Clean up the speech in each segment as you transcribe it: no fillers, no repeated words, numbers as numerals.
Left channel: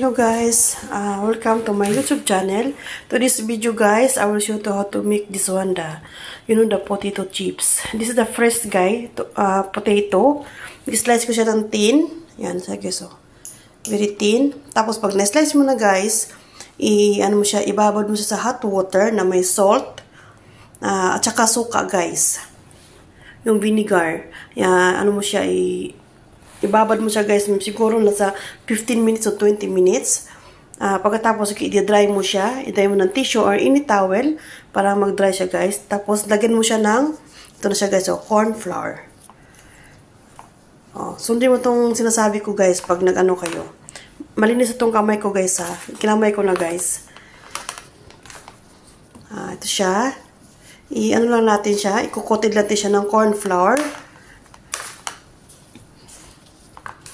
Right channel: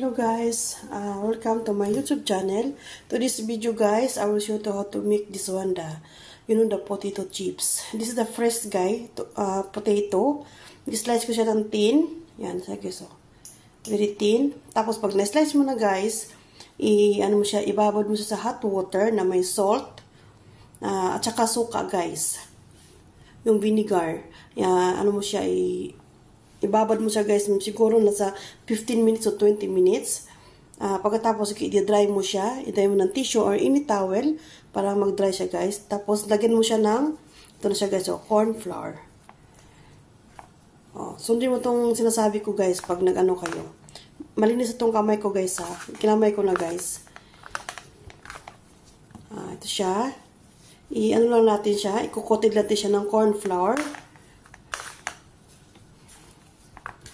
Hello guys, welcome to my YouTube channel. To this video guys, I will show you how to make this one, the potato chips. This is the first potato. I-slice ko siya ng thin. Yan, guys, so very thin. Tapos pag na-slice mo na guys, ibabad mo siya sa hot water na may salt at saka suka guys. Yung vinegar. Yan, ibabad mo siya guys, siguro nasa 15 minutes o 20 minutes. Pagkatapos, i-dry mo siya. I-dry mo ng tissue or any towel para mag-dry siya guys. Tapos, lagyan mo siya ng, ito na siya guys, corn flour. Sundin mo itong sinasabi ko guys pag nag-ano kayo. Malinis itong kamay ko guys ha. Kinamay ko na guys. Ito siya. I-ano lang natin siya. Ikukotid natin siya ng corn flour.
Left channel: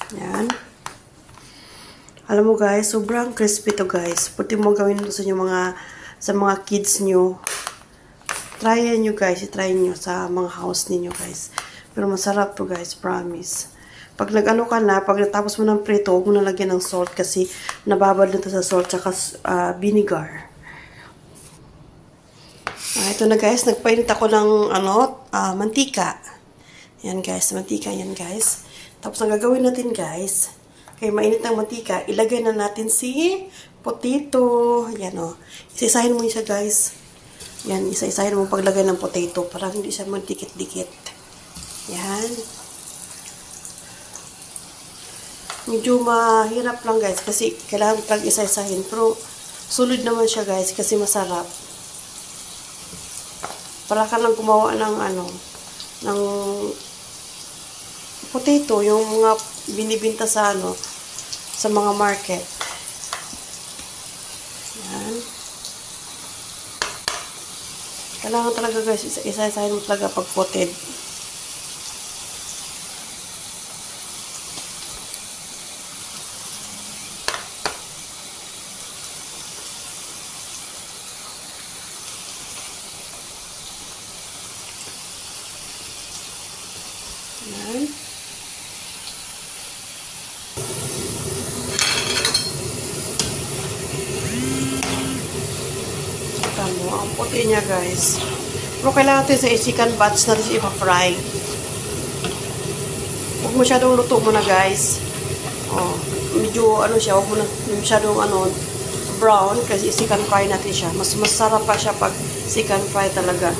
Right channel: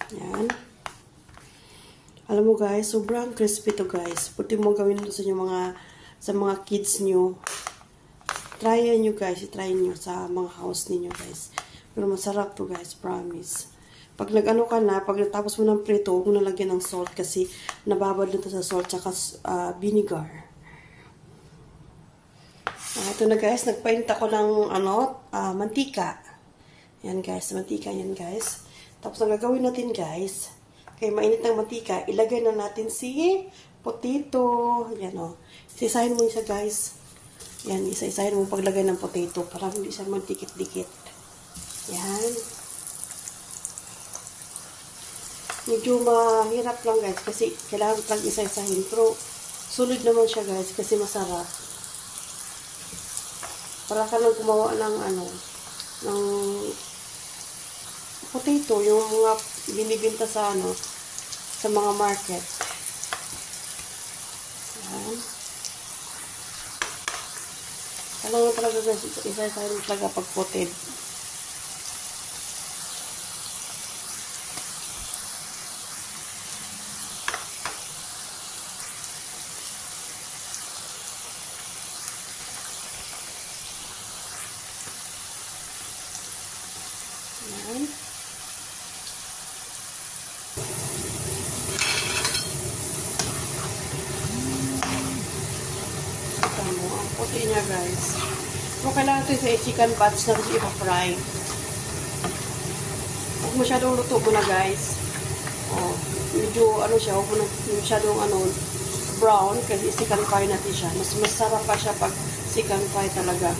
Yan. Alam mo guys, sobrang crispy to guys. Pwede mo gawin ito sa mga kids nyo. Try nyo guys. I-try nyo sa mga house ninyo guys. Pero masarap to guys, promise. Pag nag-ano ka na, pag natapos mo ng prito, huwag mo na lagyan ng salt kasi nababad na ito sa salt tsaka vinegar. Ito na guys, nagpainit ako ng mantika. Yan guys, mantika yan guys. Tapos ang gagawin natin guys, kaya mainit ng mantika, ilagay na natin si potato. Yan o. Isa-isahin mo siya guys. Yan, isa-isahin mo paglagay ng potato para hindi siya magdikit-dikit. Yan. Medyo mahirap lang guys kasi kailangan talagang isa-isahin. Pero solid naman siya guys kasi masarap. Para ka lang gumawa ng ng potato, yung mga binibinta sa sa mga market. Yan. Kailangan talaga guys, isa-isahin mo talaga pag potted. Yan. Ang puti niya guys. Pero kailangan natin sa chicken batch natin siya ipa-fry. Huwag masyadong luto mo na guys. Medyo siya, huwag mo na masyadong brown kasi chicken fry natin siya. Mas masarap pa siya pag chicken fry talaga.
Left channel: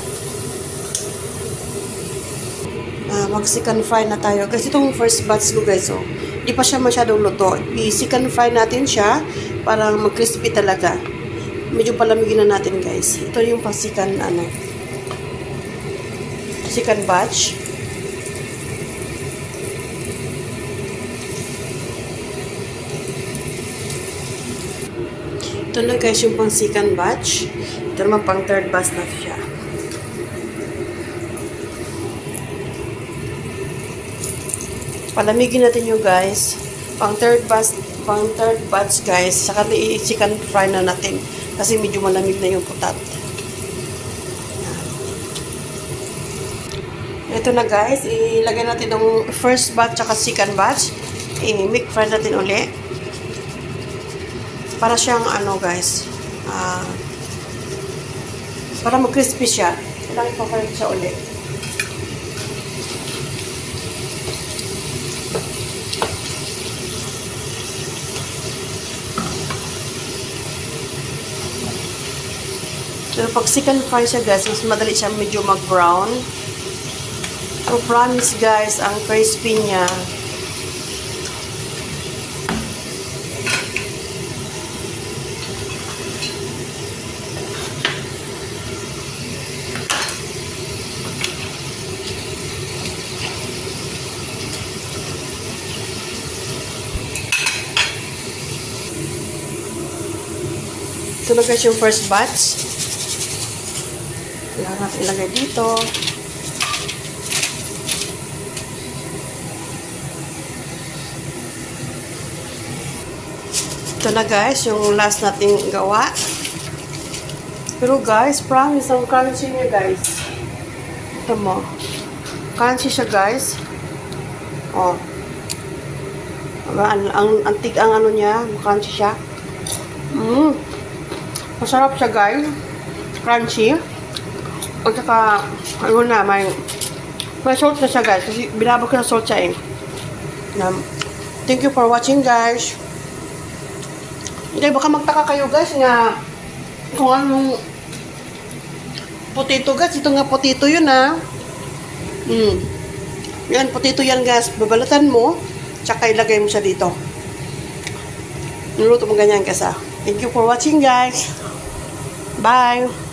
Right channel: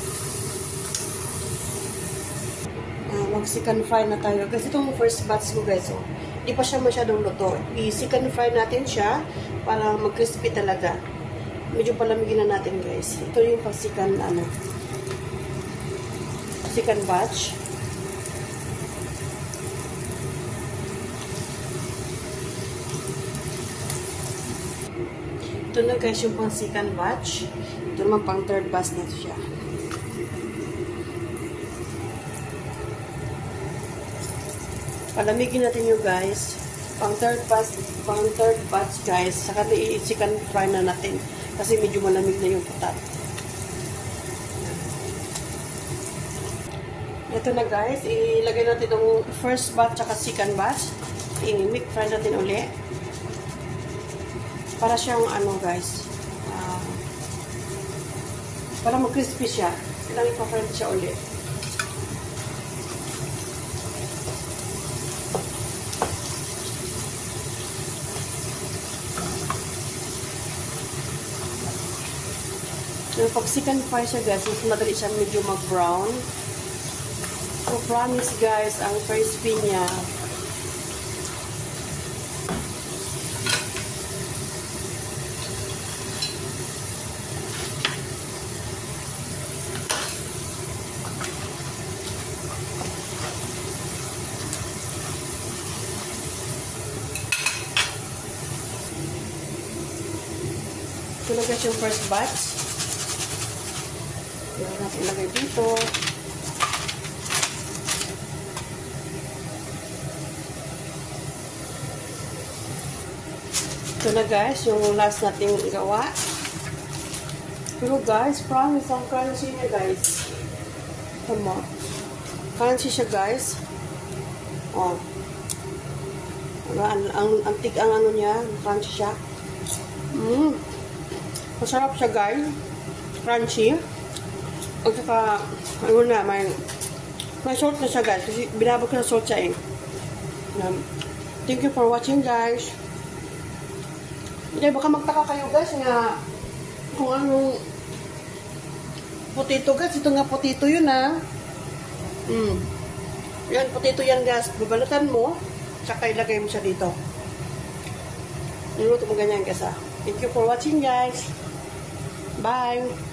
Mag-chicken fry na tayo. Kasi itong first batch ko guys, di pa siya masyadong luto. I-chicken fry natin siya para mag-crispy talaga. Medyo palamigin na natin guys. Ito yung pang-chicken chicken batch. Ito na guys yung pang-chicken batch. Ito naman pang-third batch na siya. Palamigin natin yung guys. Pang-third batch guys. Saka i-chicken fry na natin. Kasi medyo malamig na yung putat. Ito na guys, ilagay natin yung first batch at second batch. I-make fry natin uli. Para siyang guys, para mag-crispy siya. Kailangan ipa-fry siya uli. Pero pag chicken fry siya guys, mas madali siya medyo mag-brown. So promise guys, ang crispy niya. Ito na guys yung first batch. Kailangan natin ilagay dito. Ito na guys, yung last nating gawa. Pero guys, promise, ang crunchy niya guys. Ito mo. Crunchy siya guys. Ang antig ang ano niya, crunchy siya. Masarap siya, guys. Crunchy. At saka, ano na, may salt na siya, guys. Kasi binabok ko na salt siya, eh. Thank you for watching, guys. Okay, baka magtaka kayo, guys, nga kung anong potato, guys. Ito nga potato yun, ha. Yan, potato yan, guys. Babalatan mo, tsaka ilagay mo siya dito. Niluto mo ganyan, guys, ha. Thank you for watching, guys. Bye.